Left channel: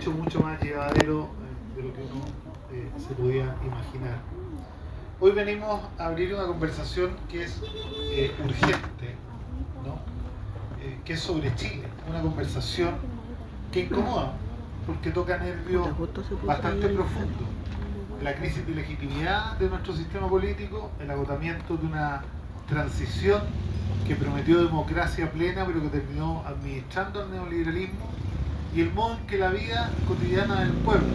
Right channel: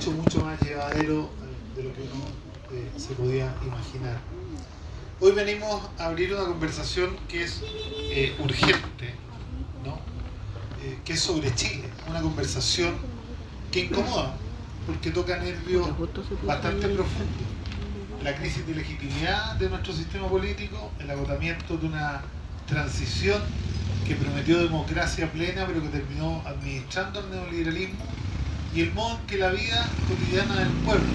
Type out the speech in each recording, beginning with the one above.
hecho mucho más llevadero de lo que uno se podía imaginar. Hoy venimos a abrir una conversación que es urgente, ¿no? Que es sobre Chile, una conversación que incomoda, porque toca nervios bastante profundos. La crisis de legitimidad de nuestro sistema político, el agotamiento de una transición que prometió democracia plena pero que terminó administrando el neoliberalismo, y el modo en que la vida cotidiana del pueblo,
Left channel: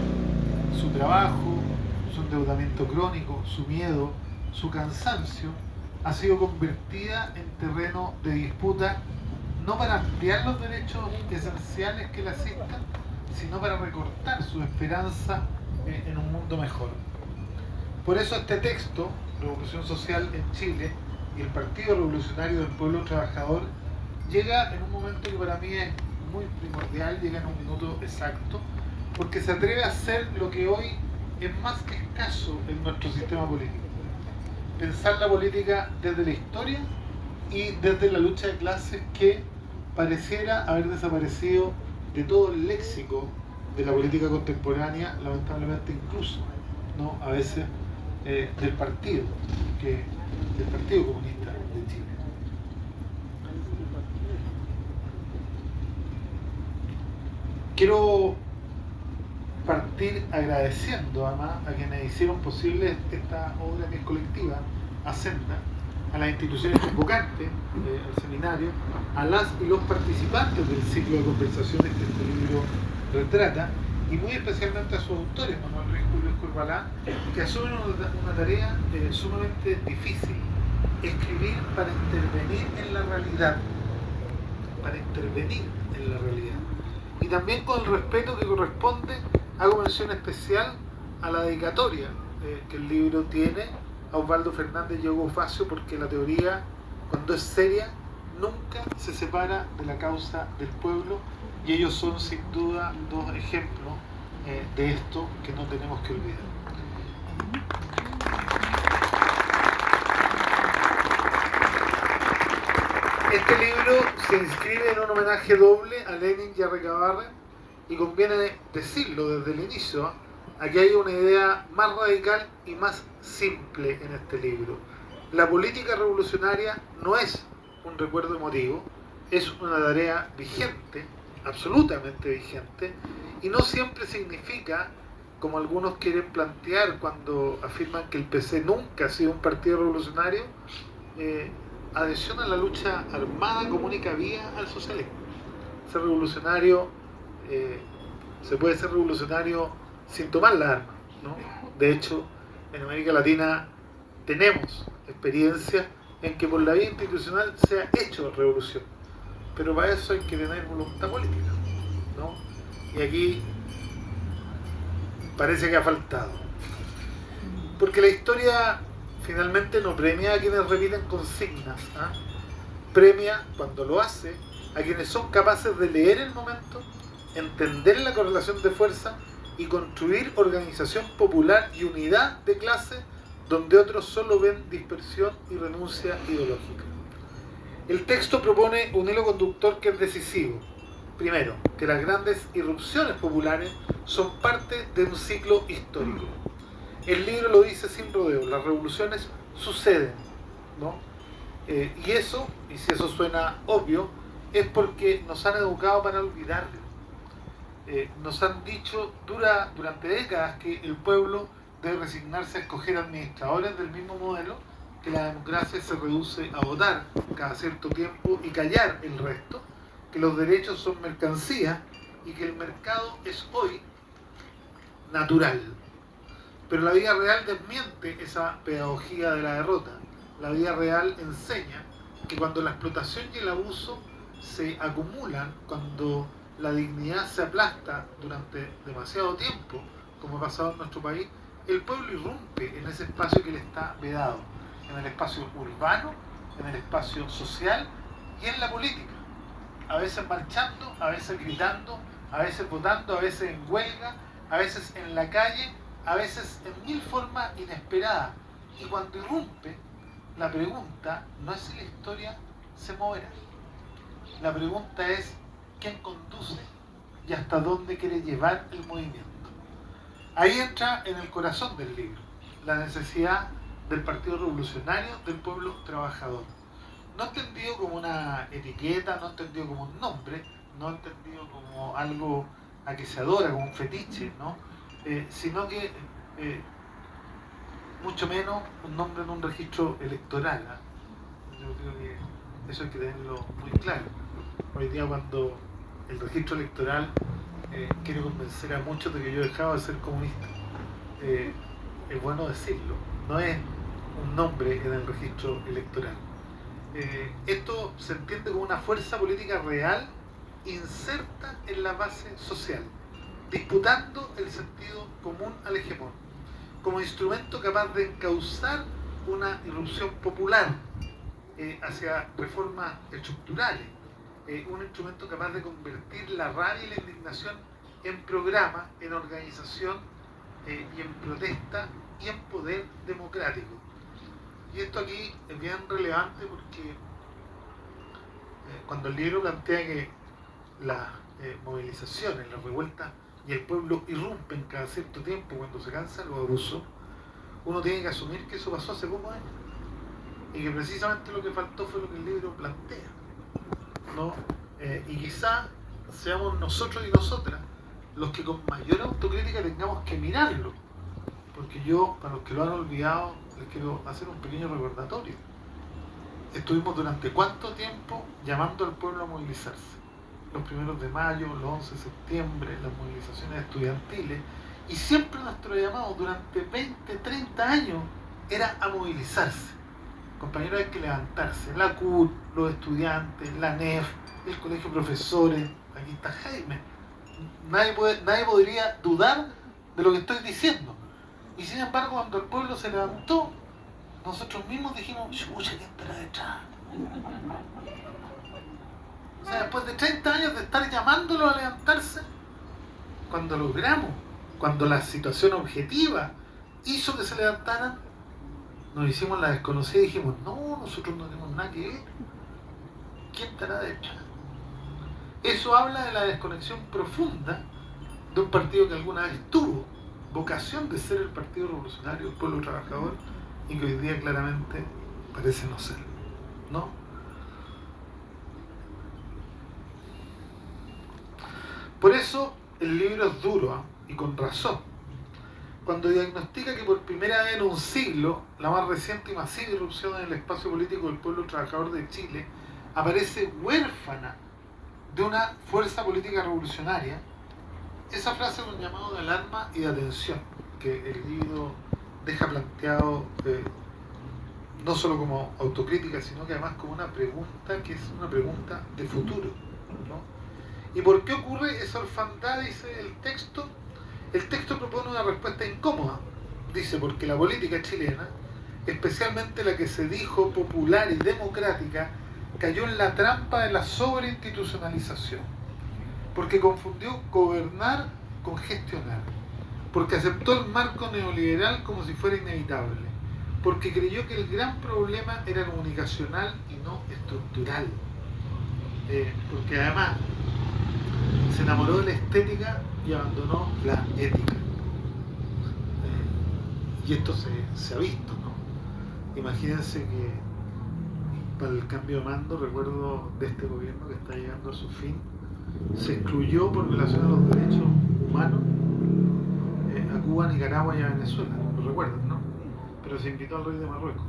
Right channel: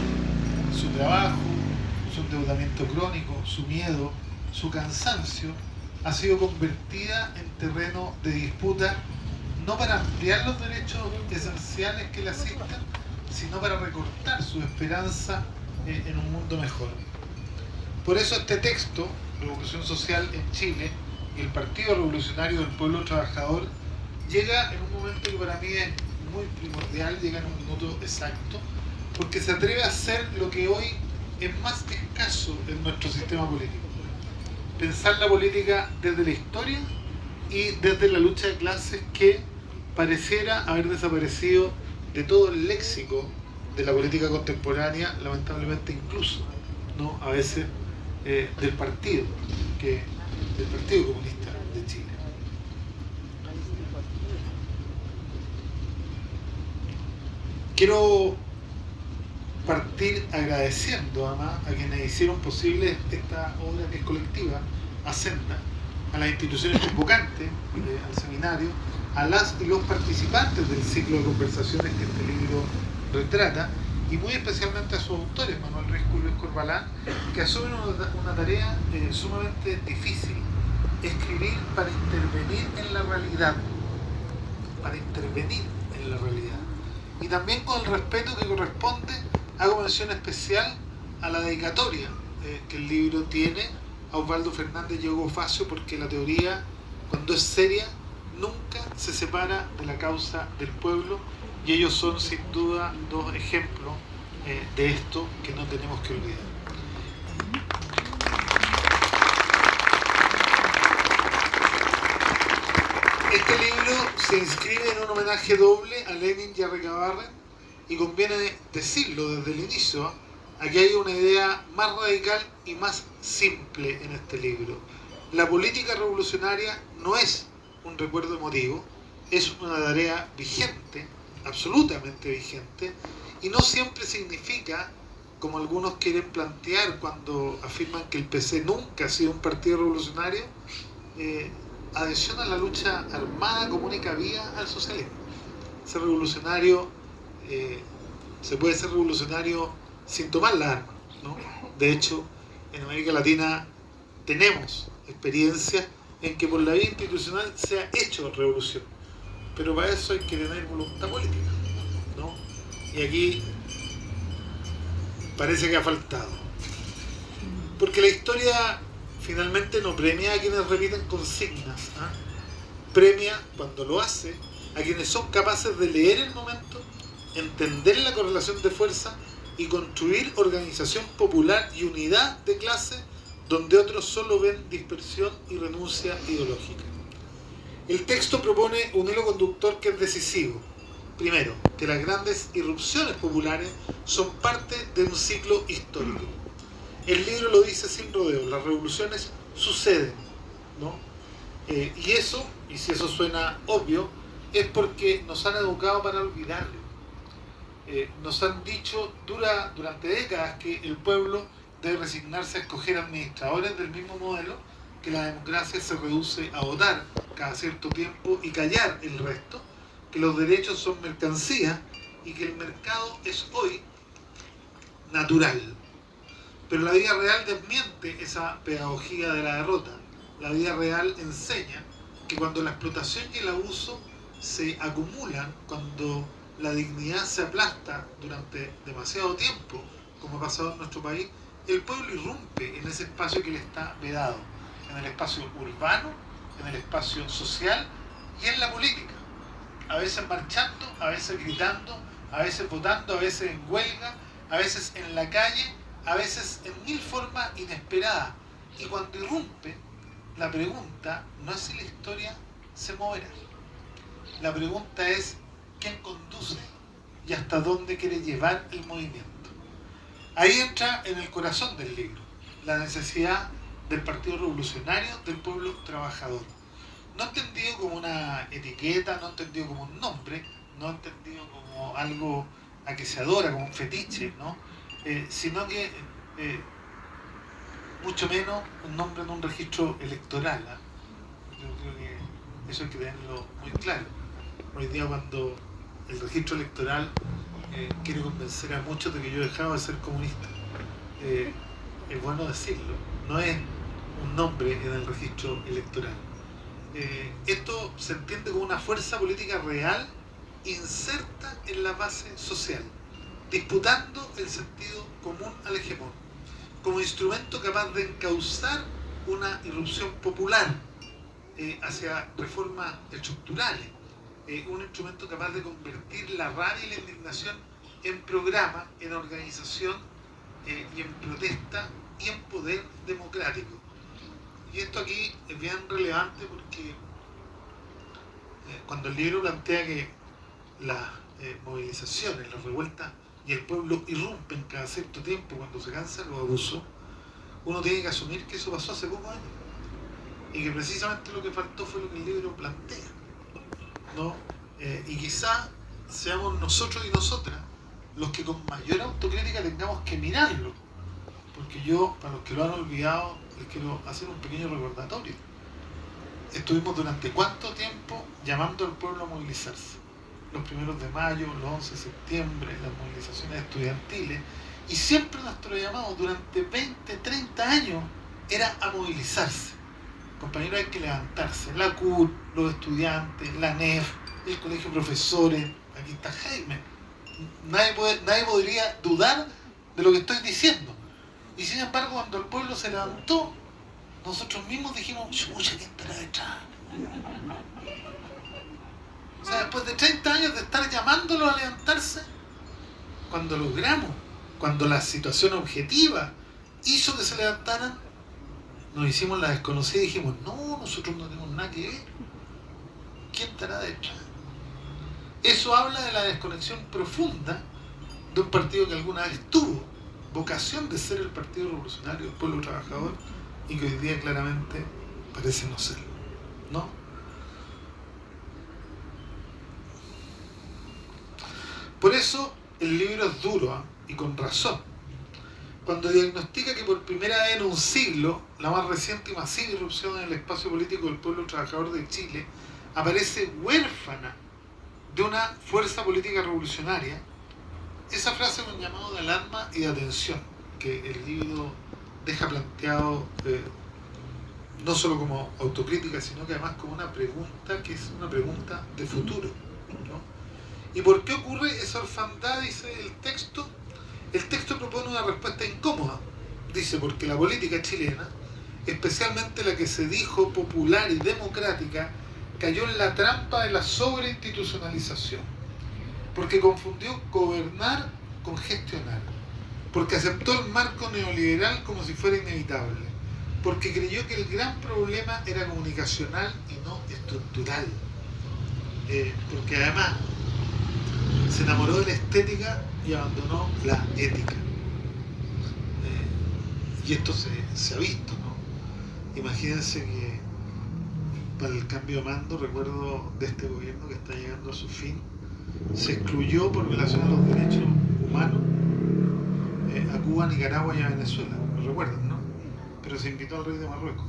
su trabajo, su endeudamiento crónico, su miedo, su cansancio, ha sido convertida en terreno de disputa, no para ampliar los derechos esenciales que le asisten, sino para recortar su esperanza en un mundo mejor. Por eso este texto, Revolución Social en Chile, y el Partido Revolucionario del Pueblo Trabajador, llega en un momento que para mí es muy primordial, llega en un minuto exacto, porque se atreve a hacer lo que hoy es más que escaso en nuestro sistema político. Pensar la política desde la historia y desde la lucha de clases que pareciera haber desaparecido de todo el léxico de la política contemporánea, lamentablemente incluso, ¿no? A veces del Partido Comunista de Chile. Quiero partir agradeciendo además a quienes hicieron posible esta obra que es colectiva, a Senda, a las instituciones convocantes al seminario, a las y los participantes del ciclo de conversaciones que este libro retrata, y muy especialmente a sus autores, Manuel Ruiz Julio Corbalán, que asumen una tarea sumamente difícil: escribir para intervenir en la realidad, y también con el respeto que corresponde. Hago mención especial a la dedicatoria que el libro tiene a Osvaldo Fernández y Hugo Facio, porque la teoría, cuando es seria, nunca se separa de la causa del pueblo, y ellos son sin duda dos ejemplos de esto que no tenemos que olvidar. Este libro se inscribe en un homenaje doble a Lenin y a Recabarren, y conviene decirlo desde el inicio: aquí hay una idea más radical y más simple en este libro. La política revolucionaria no es un recuerdo emotivo, es una tarea vigente, absolutamente vigente, y no siempre significa, como algunos quieren plantear cuando afirman que el PC nunca ha sido un partido revolucionario, adhesión a la lucha armada común y cabida al socialismo. Ser revolucionario, se puede ser revolucionario sin tomar las armas, ¿no? De hecho, en América Latina tenemos experiencias en que por la vía institucional se ha hecho revolución, pero para eso hay que tener voluntad política, ¿no? Y aquí parece que ha faltado, porque la historia finalmente no premia a quienes repiten consignas, ¿eh? Premia, cuando lo hace, a quienes son capaces de leer el momento, entender la correlación de fuerza y construir organización popular y unidad de clase donde otros solo ven dispersión y renuncia ideológica. El texto propone un hilo conductor que es decisivo. Primero, que las grandes irrupciones populares son parte de un ciclo histórico. El libro lo dice sin rodeo: las revoluciones suceden, ¿no? Y eso, y si eso suena obvio, es porque nos han educado para olvidarlo. Nos han dicho durante décadas que el pueblo debe resignarse a escoger administradores del mismo modelo, que la democracia se reduce a votar cada cierto tiempo y callar el resto, que los derechos son mercancía y que el mercado es hoy natural. Pero la vida real desmiente esa pedagogía de la derrota. La vida real enseña que cuando la explotación y el abuso se acumulan, cuando la dignidad se aplasta durante demasiado tiempo, como ha pasado en nuestro país, el pueblo irrumpe en ese espacio que le está vedado, en el espacio urbano, en el espacio social y en la política. A veces marchando, a veces gritando, a veces votando, a veces en huelga, a veces en la calle, a veces en mil formas inesperadas. Y cuando irrumpe, la pregunta no es si la historia se moverá. La pregunta es: ¿quién conduce y hasta dónde quiere llevar el movimiento. Ahí entra en el corazón del libro, la necesidad del Partido Revolucionario del pueblo trabajador. No entendido como una etiqueta, no entendido como un nombre, no entendido como algo a que se adora, como un fetiche, ¿no? Sino que mucho menos un nombre en un registro electoral, ¿eh? Yo creo que eso hay que tenerlo muy claro. Hoy día cuando el registro electoral quiere convencer a muchos de que yo he dejado de ser comunista, es bueno decirlo, no es un nombre en el registro electoral. Esto se entiende como una fuerza política real inserta en la base social, disputando el sentido común al hegemón, como instrumento capaz de encauzar una irrupción popular hacia reformas estructurales, un instrumento capaz de convertir la rabia y la indignación en programa, en organización y en protesta y en poder democrático. Y esto aquí es bien relevante porque cuando el libro plantea que las movilizaciones, las revueltas y el pueblo irrumpen cada cierto tiempo cuando se cansan los abusos, uno tiene que asumir que eso pasó hace pocos años y que precisamente lo que faltó fue lo que el libro plantea, ¿no? Y quizá seamos nosotros y nosotras los que con mayor autocrítica tengamos que mirarlo, porque yo, para los que lo han olvidado, les quiero hacer un pequeño recordatorio. Estuvimos durante cuánto tiempo llamando al pueblo a movilizarse. Los 1 de mayo, los 11 de septiembre, las movilizaciones estudiantiles, y siempre nuestro llamado durante 20, 30 años era a movilizarse. Compañeros, hay que levantarse. La CUT, los estudiantes, la NEF, el colegio de profesores, aquí está Jaime. Nadie podría dudar de lo que estoy diciendo. Y sin embargo, cuando el pueblo se levantó, nosotros mismos dijimos, chucha, ¿qué espera detrás? O sea, después de 30 años de estar llamándolo a levantarse, cuando logramos, cuando la situación objetiva hizo que se levantaran, nos hicimos la desconocida y dijimos, no, nosotros no tenemos nada que ver. ¿Quién estará detrás? Eso habla de la desconexión profunda de un partido que alguna vez tuvo vocación de ser el Partido Revolucionario del Pueblo Trabajador y que hoy día claramente parece no serlo, ¿no? Por eso el libro es duro, ¿eh? Y con razón. Cuando diagnostica que por primera vez en un siglo, la más reciente y masiva irrupción en el espacio político del pueblo trabajador de Chile aparece huérfana de una fuerza política revolucionaria, esa frase es un llamado de alarma y de atención que el libro deja planteado no solo como autocrítica, sino que además como una pregunta que es una pregunta de futuro, ¿no? ¿Y por qué ocurre esa orfandad? Dice el texto. El texto propone una respuesta incómoda. Dice, porque la política chilena, especialmente la que se dijo popular y democrática, cayó en la trampa de la sobreinstitucionalización. Porque confundió gobernar con gestionar. Porque aceptó el marco neoliberal como si fuera inevitable. Porque creyó que el gran problema era comunicacional y no estructural. Porque además se enamoró de la estética y abandonó la ética. Y esto se ha visto, ¿no? Imagínense que para el cambio de mando, recuerdo de este gobierno que está llegando a su fin, se excluyó por violación a los derechos humanos a Cuba, Nicaragua y a Venezuela, lo recuerdan, ¿no? Pero se invitó al rey de Marruecos.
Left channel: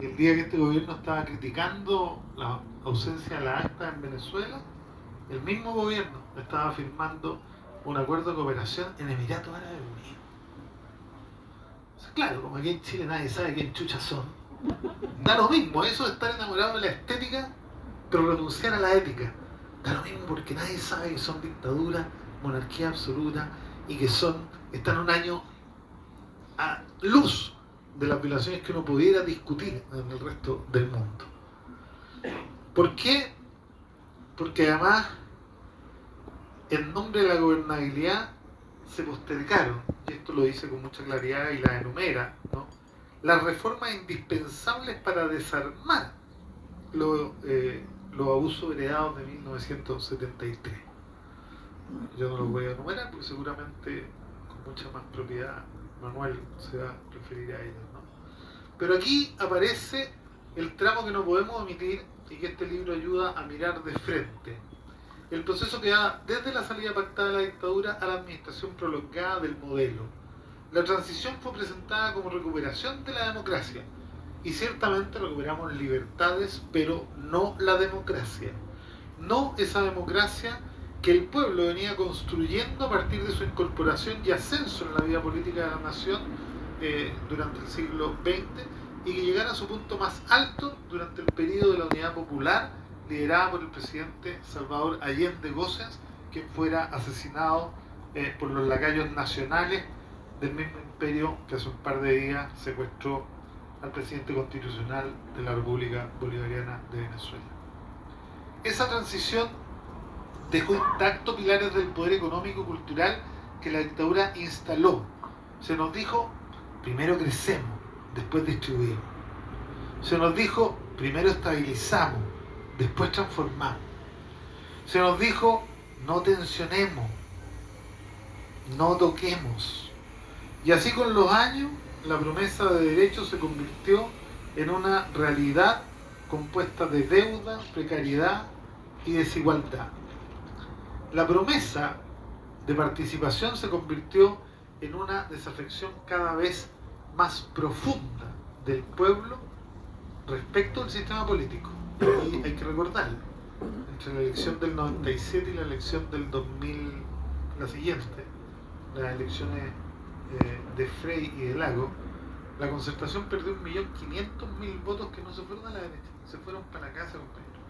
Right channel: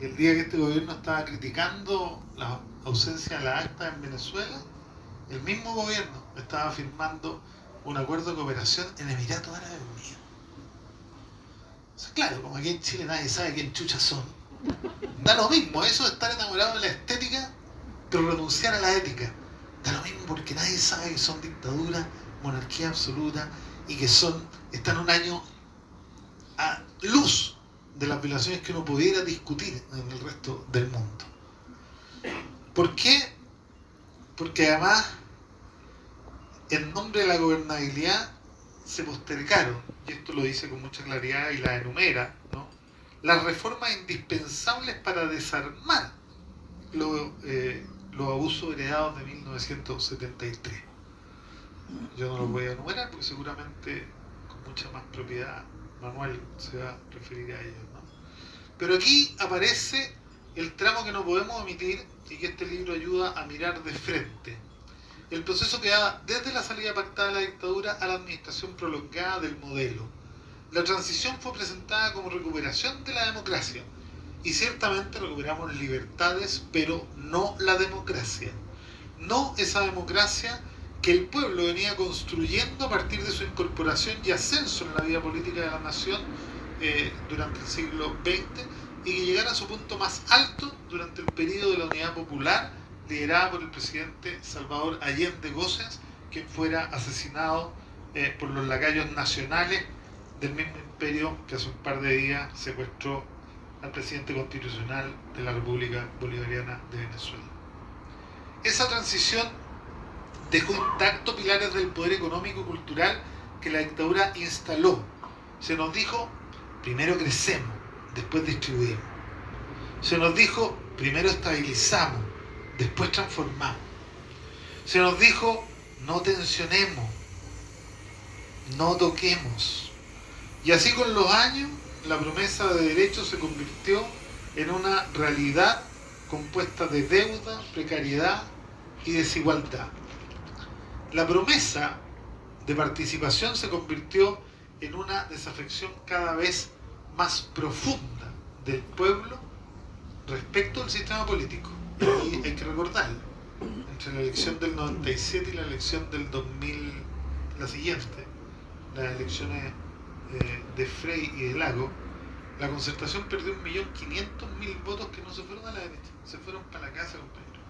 Y el día que este gobierno estaba criticando la ausencia de la acta en Venezuela, el mismo gobierno estaba firmando un acuerdo de cooperación en Emiratos Árabes Unidos. O sea, claro, como aquí en Chile nadie sabe quién chuchas son, da lo mismo, eso de estar enamorado de la estética, pero renunciar a la ética. Da lo mismo porque nadie sabe que son dictaduras, monarquía absoluta y que están un año a luz de las violaciones que uno pudiera discutir en el resto del mundo. ¿Por qué? Porque además, en nombre de la gobernabilidad, se postergaron, y esto lo dice con mucha claridad y la enumera, ¿no?, las reformas indispensables para desarmar lo los abusos heredados de 1973. Yo no los voy a enumerar porque seguramente con mucha más propiedad Manuel se va a referir a ellos, ¿no? Pero aquí aparece el tramo que no podemos omitir y que este libro ayuda a mirar de frente. El proceso que va desde la salida pactada de la dictadura a la administración prolongada del modelo. La transición fue presentada como recuperación de la democracia y ciertamente recuperamos libertades, pero no la democracia. No esa democracia que el pueblo venía construyendo a partir de su incorporación y ascenso en la vida política de la nación durante el siglo XX y que llegara a su punto más alto durante el periodo de la Unidad Popular liderada por el presidente Salvador Allende Gossens, quien fuera asesinado por los lacayos nacionales del mismo imperio que hace un par de días secuestró al presidente constitucional de la República Bolivariana de Venezuela. Esa transición dejó intactos pilares del poder económico y cultural que la dictadura instaló. Se nos dijo, primero crecemos, después distribuimos. Se nos dijo, primero estabilizamos, después transformamos. Se nos dijo, no tensionemos, no toquemos. Y así con los años, la promesa de derechos se convirtió en una realidad compuesta de deuda, precariedad y desigualdad. La promesa de participación se convirtió en una desafección cada vez más profunda del pueblo respecto al sistema político. Y hay que recordarlo, entre la elección del 97 y la elección del 2000, la siguiente, las elecciones de Frey y de Lago, la Concertación perdió 1.500.000 votos que no se fueron a la derecha, se fueron para la casa, compañero.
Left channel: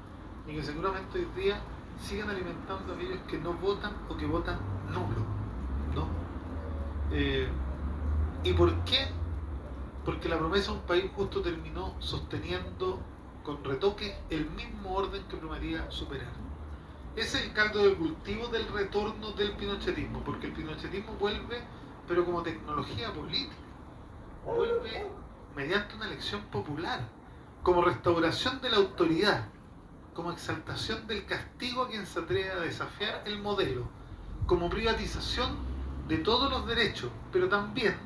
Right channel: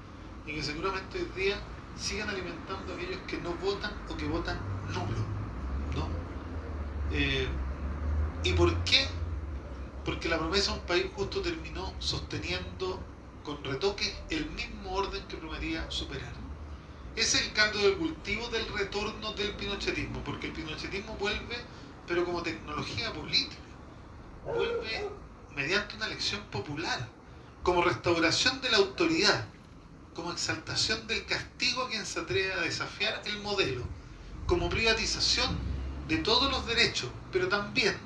Y que seguramente hoy día siguen alimentando a aquellos que no votan o que votan nulo, ¿no? ¿Y por qué? Porque la promesa de un país justo terminó sosteniendo con retoques el mismo orden que prometía superar. Es el caldo de cultivo del retorno del pinochetismo, porque el pinochetismo vuelve, pero como tecnología política, vuelve mediante una elección popular, como restauración de la autoridad, como exaltación del castigo a quien se atreve a desafiar el modelo, como privatización de todos los derechos, pero también,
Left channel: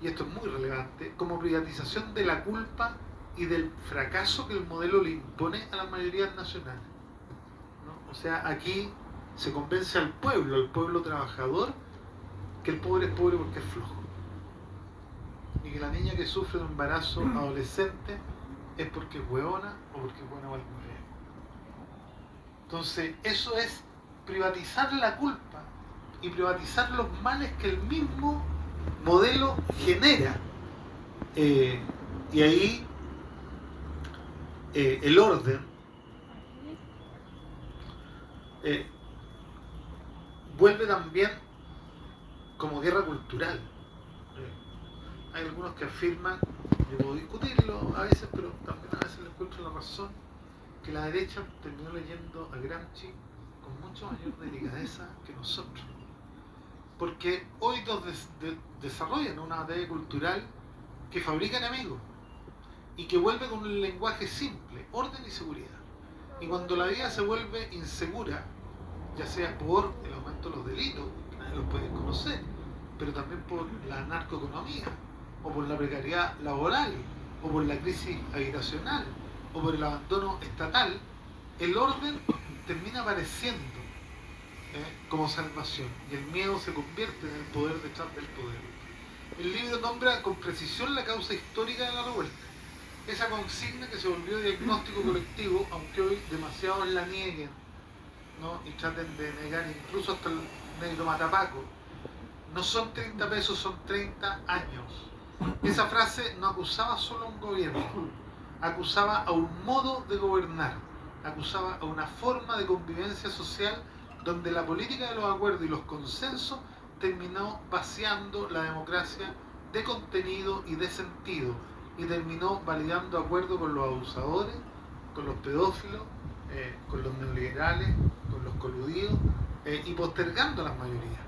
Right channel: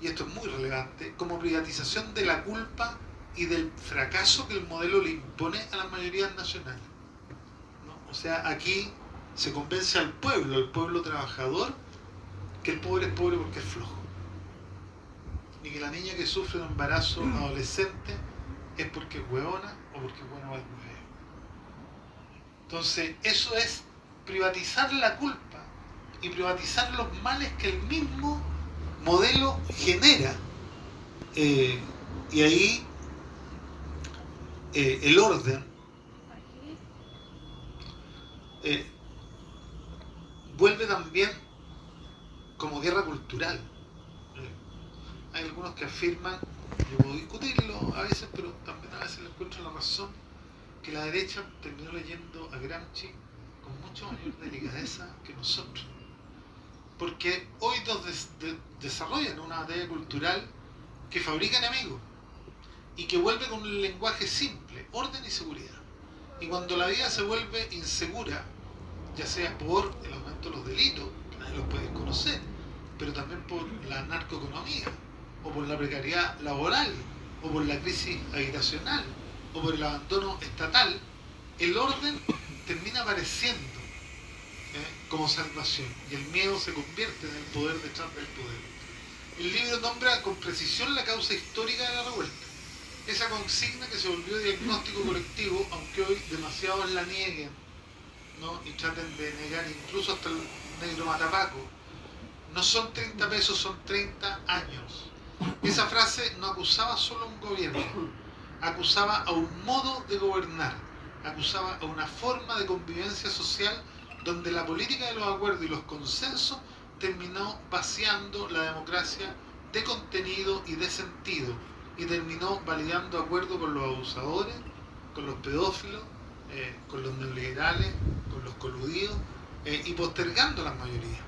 y esto es muy relevante, como privatización de la culpa y del fracaso que el modelo le impone a las mayorías nacionales, ¿no? O sea, aquí se convence al pueblo trabajador, que el pobre es pobre porque es flojo, ni que la niña que sufre un embarazo adolescente es porque es huevona o porque es bueno o es mujer. Entonces, eso es privatizar la culpa y privatizar los males que el mismo modelo genera. Y ahí el orden vuelve también como guerra cultural. Hay algunos que afirman, yo puedo discutirlo a veces, pero también a veces le encuentro la razón, que la derecha terminó leyendo a Gramsci con mucho mayor delicadeza que nosotros. Porque hoy desarrollan una batalla cultural que fabrica enemigos y que vuelve con un lenguaje simple, orden y seguridad. Y cuando la vida se vuelve insegura, ya sea por el aumento de los delitos, nadie los puede conocer, pero también por la narcoeconomía, o por la precariedad laboral, o por la crisis habitacional, o por el abandono estatal, el orden termina apareciendo como salvación, y el miedo se convierte en el poder detrás del poder. El libro nombra con precisión la causa histórica de la revuelta, esa consigna que se volvió diagnóstico colectivo, aunque hoy demasiados la nieguen, ¿no? Y traten de negar incluso hasta el negro matapaco. No son 30 pesos, son 30 años. Esa frase no acusaba solo a un gobierno, acusaba a un modo de gobernar, acusaba a una forma de convivencia social donde la política de los acuerdos y los consensos terminó vaciando la democracia de contenido y de sentido, y terminó validando acuerdos con los abusadores, con los pedófilos, con los neoliberales, con los coludidos, y postergando las mayorías.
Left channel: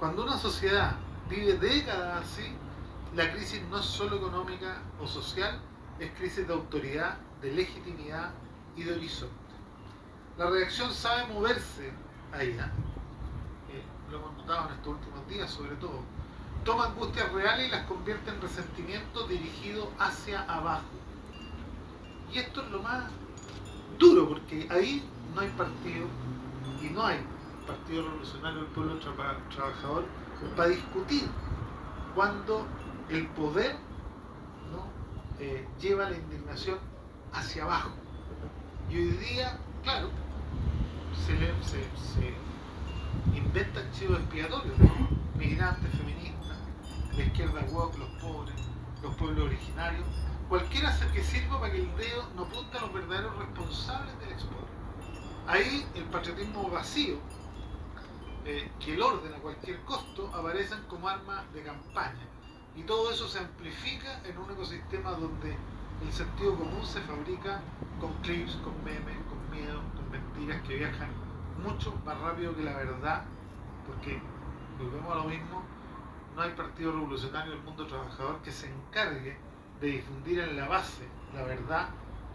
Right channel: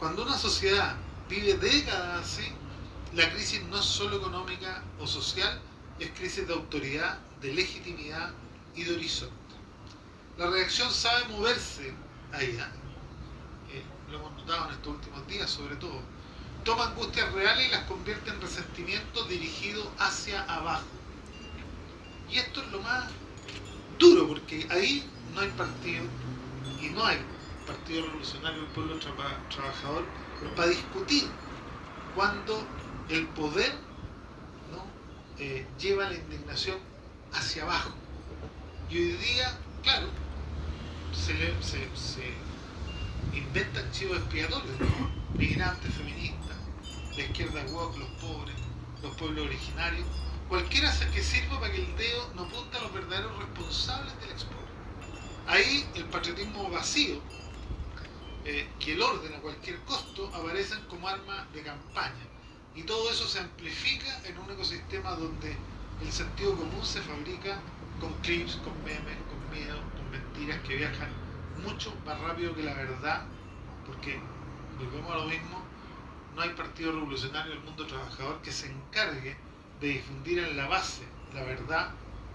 Cuando una sociedad vive décadas así, la crisis no es solo económica o social, es crisis de autoridad, de legitimidad y de horizonte. La reacción sabe moverse ahí, lo hemos notado en estos últimos días sobre todo. Toma angustias reales y las convierte en resentimiento dirigido hacia abajo. Y esto es lo más duro, porque ahí no hay partido, y no hay Partido Revolucionario del Pueblo Trabajador para discutir cuando el poder, ¿no?, lleva la indignación hacia abajo. Y hoy día, claro, se inventan chivos expiatorios, ¿no? Migrantes, feministas, la izquierda woke, los pobres, los pueblos originarios, cualquiera que sirva para que el dedo no apunte a los verdaderos responsables del expolio. Ahí el patriotismo vacío, que el orden a cualquier costo, aparecen como arma de campaña. Y todo eso se amplifica en un ecosistema donde el sentido común se fabrica con clips, con memes, con miedo, con mentiras que viajan mucho más rápido que la verdad, porque volvemos a lo mismo, no hay partido revolucionario del mundo trabajador que se encargue de difundir en la base la verdad,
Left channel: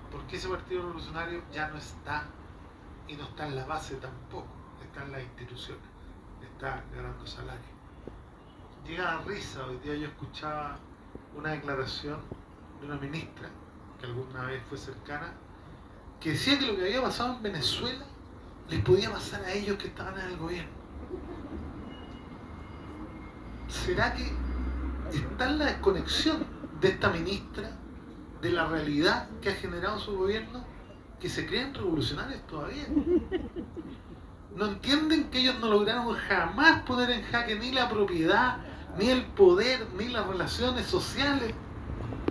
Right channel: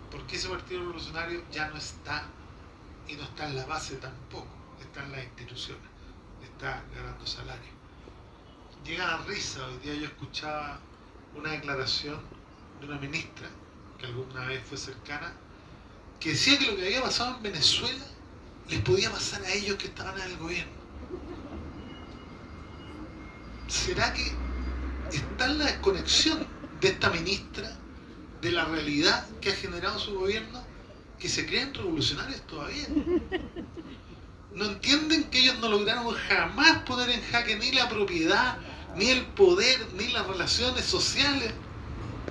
porque ese partido revolucionario ya no está, y no está en la base tampoco, está en las instituciones, está ganando salario. Llega a risa. Hoy día yo escuchaba una declaración de una ministra que alguna vez fue cercana, que decía que lo que había pasado en Venezuela les podía pasar a ellos que estaban en el gobierno. ¿Será que está en la desconexión de esta ministra de la realidad que ha generado su gobierno, que se creen revolucionarios todavía? No entienden que ellos no lograron jamás poner en jaque ni la propiedad, ni el poder, ni las relaciones sociales,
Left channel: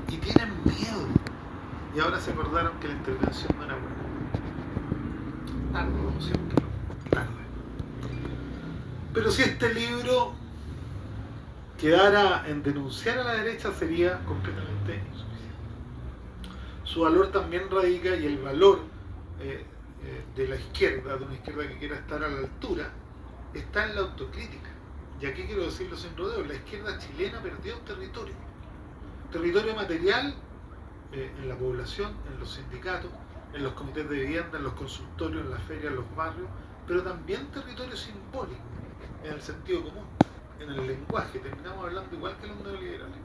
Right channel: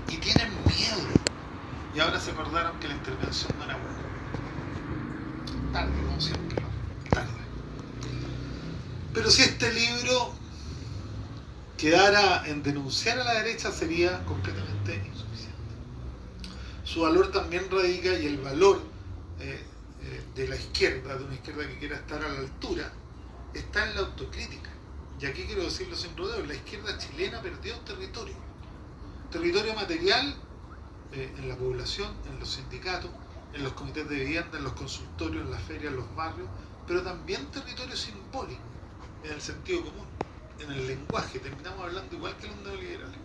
y tienen miedo. Y ahora se acordaron que la intervención no era buena. Tarde, como siempre, tarde. Pero si este libro quedara en denunciar a la derecha, sería completamente insuficiente. Su valor también radica, y el valor de la izquierda, de una izquierda que quiera estar a la altura, está en la autocrítica. Y aquí quiero decirlo sin rodeos: la izquierda chilena perdió territorio material, en la población, en los sindicatos, en los comités de vivienda, en los consultorios, en las ferias, en los barrios, pero también territorio simbólico, en el sentido común, en el lenguaje. Terminamos hablando igual que los neoliberales,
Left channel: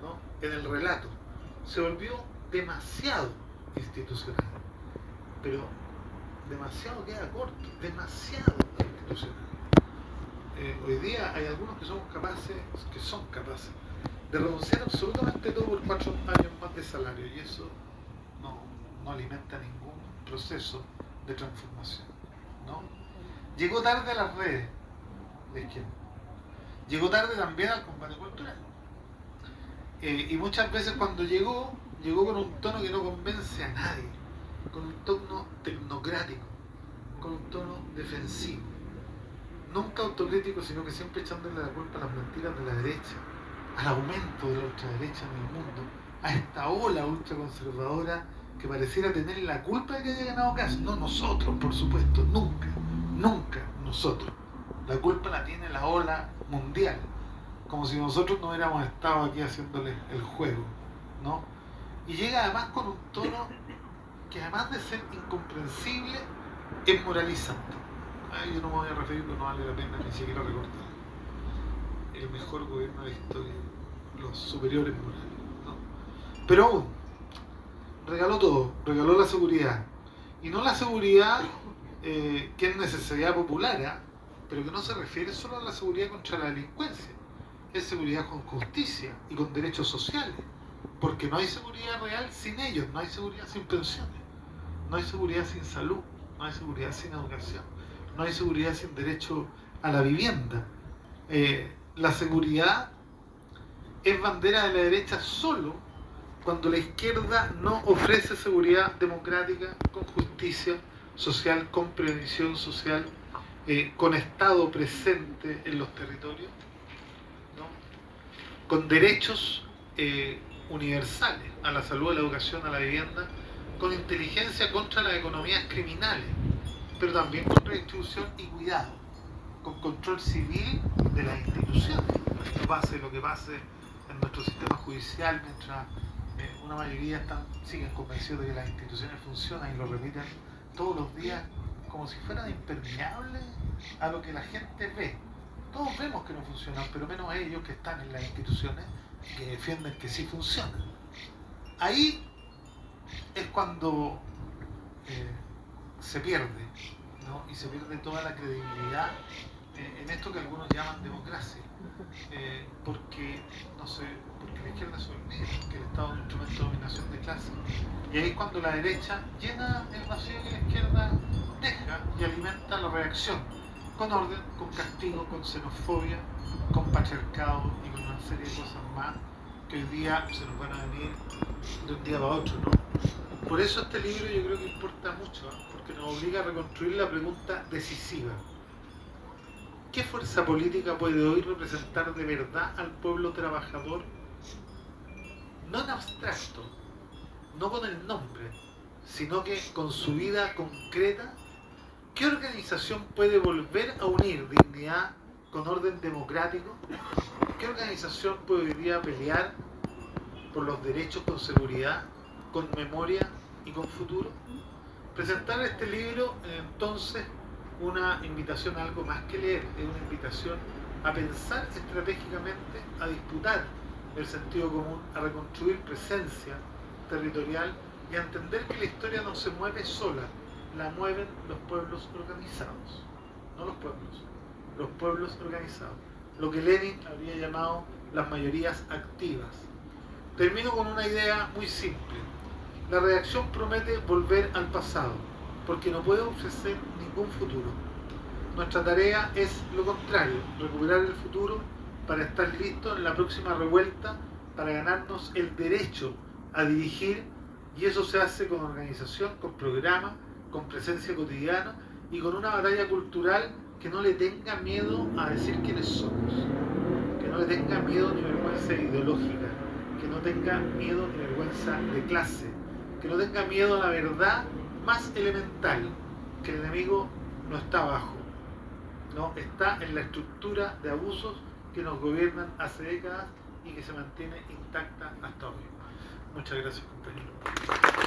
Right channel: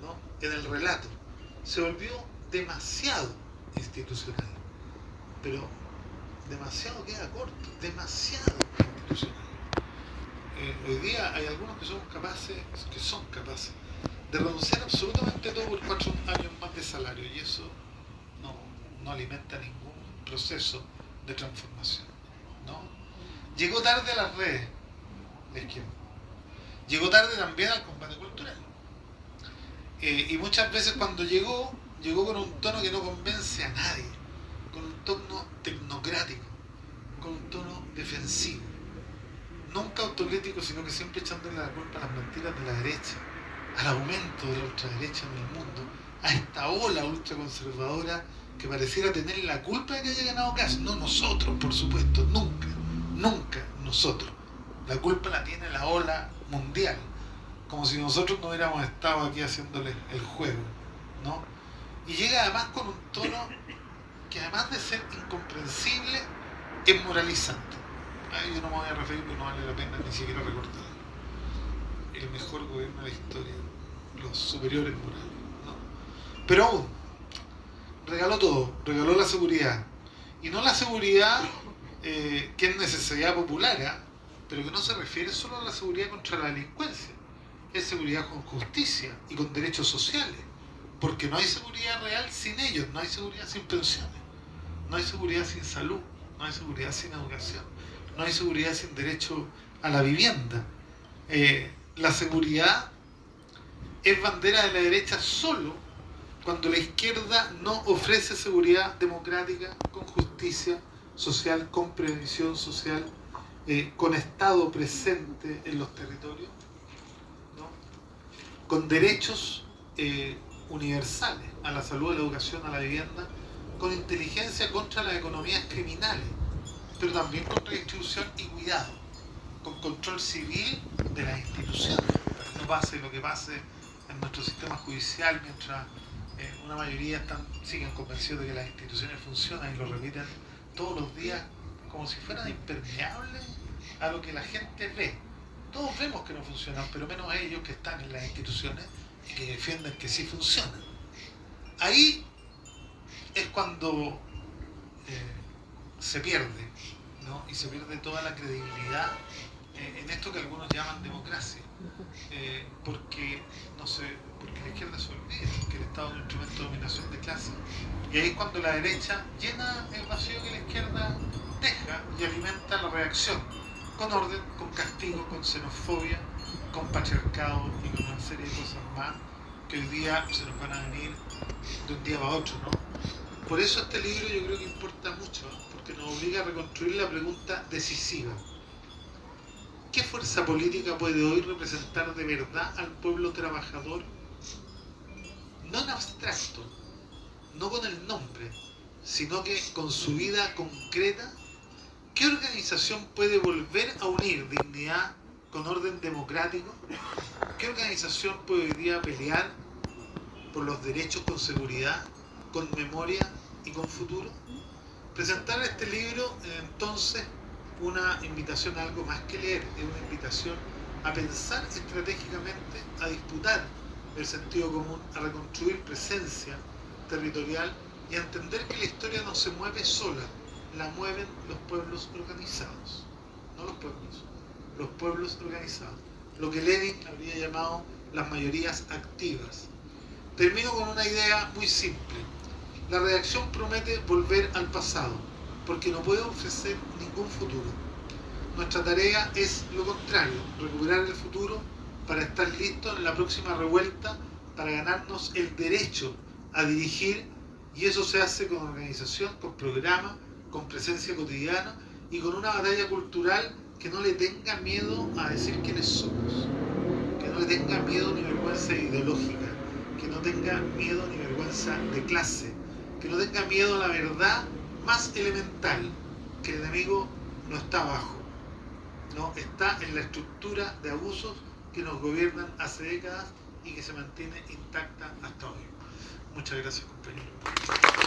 ¿no? En el relato. Se volvió demasiado institucional, pero demasiado queda corto, demasiado institucional. Hoy día hay algunos que son capaces de renunciar absolutamente todo por 4 años más de salario, y eso no alimenta ningún proceso de transformación, ¿no? Llegó tarde a las redes, la izquierda. Llegó tarde también al combate cultural. Y muchas veces cuando llegó con un tono que no convence a nadie, con un tono tecnocrático, con un tono defensivo. Nunca autocrítico, sino que siempre echándole la culpa a las mentiras de la derecha, al aumento de la ultraderecha en el mundo, a esta ola ultraconservadora que pareciera tener la culpa de que haya ganado caso. No nosotros, por supuesto, nunca nosotros. La culpa la tiene la ola mundial, como si nosotros no hubiéramos estado aquí haciéndole el juego, ¿no? Y llega además con un tono que, además de ser incomprensible, es moralizante. Yo no me voy a referir porque no vale la pena ni siquiera recordar. El mejor gobierno de la historia, los superiores morales, ¿no? Pero aún, regaló todo, regaló la seguridad. Y no la seguridad que es necesidad popular, pero que no se refiere solo a la seguridad contra la delincuencia. Es seguridad con justicia y con derechos sociales. Porque no hay seguridad real sin ellos, no hay seguridad sin pensiones, no hay seguridad sin salud, no hay seguridad sin educación, no hay seguridad sin derecho a la vivienda. La seguridad es bandera de la derecha solo cuando la izquierda no ofrece seguridad democrática, con justicia social, con previsión social, con Estado presente en los territorios, ¿no? Con derechos universales a la salud, a la educación, a la vivienda, con inteligencia contra las economías criminales, pero también con redistribución y cuidado, con control civil de las instituciones. No pase lo que pase en nuestro sistema judicial, mientras una mayoría siguen convencidos de que las instituciones funcionan y lo repiten todos los días como si fueran impermeables a lo que la gente ve. Todos vemos que no funcionan, pero menos ellos que están en las instituciones y que defienden que sí funcionan. Ahí es cuando se pierde, ¿no? Y se pierde toda la credibilidad en esto que algunos llaman democracia, porque no sé, porque la izquierda se olvida que el Estado es un instrumento de dominación de clase, y ahí es cuando la derecha llena el vacío que la izquierda deja y alimenta la reacción con orden, con castigo, con xenofobia, con patriarcado y con una serie de cosas más que hoy día se nos van a venir de un día para otro, ¿no? Por eso este libro yo creo que importa mucho, ¿no? Porque nos obliga a reconstruir la pregunta decisiva. ¿Qué fuerza política puede hoy representar de verdad al pueblo trabajador? No en abstracto, no con el nombre, sino que con su vida concreta. ¿Qué organización puede volver a unir dignidad con orden democrático? ¿Qué organización puede hoy día pelear por los derechos con seguridad, con memoria y con futuro? Presentar este libro entonces una invitación a algo más que leer, es una invitación a pensar estratégicamente, a disputar el sentido común, a reconstruir presencia territorial y a entender que la historia no se mueve sola, la mueven los pueblos organizados, no los pueblos organizados, lo que Lenin habría llamado las mayorías activas. Termino con una idea muy simple. La redacción promete volver al pasado, porque no puede ofrecer ningún futuro. Nuestra tarea es lo contrario, recuperar el futuro para estar listos en la próxima revuelta, para ganarnos el derecho a dirigir, y eso se hace con organización, con programa, con presencia cotidiana y con una batalla cultural que no le tenga miedo a decir quiénes somos, que no le tenga miedo ni vergüenza ideológica, que no tenga miedo ni vergüenza de clase, que no tenga miedo a la verdad más elemental, que el enemigo no está abajo, no está en la estructura de abusos que nos gobiernan hace décadas y que se mantiene intacta hasta hoy. Muchas gracias, compañero.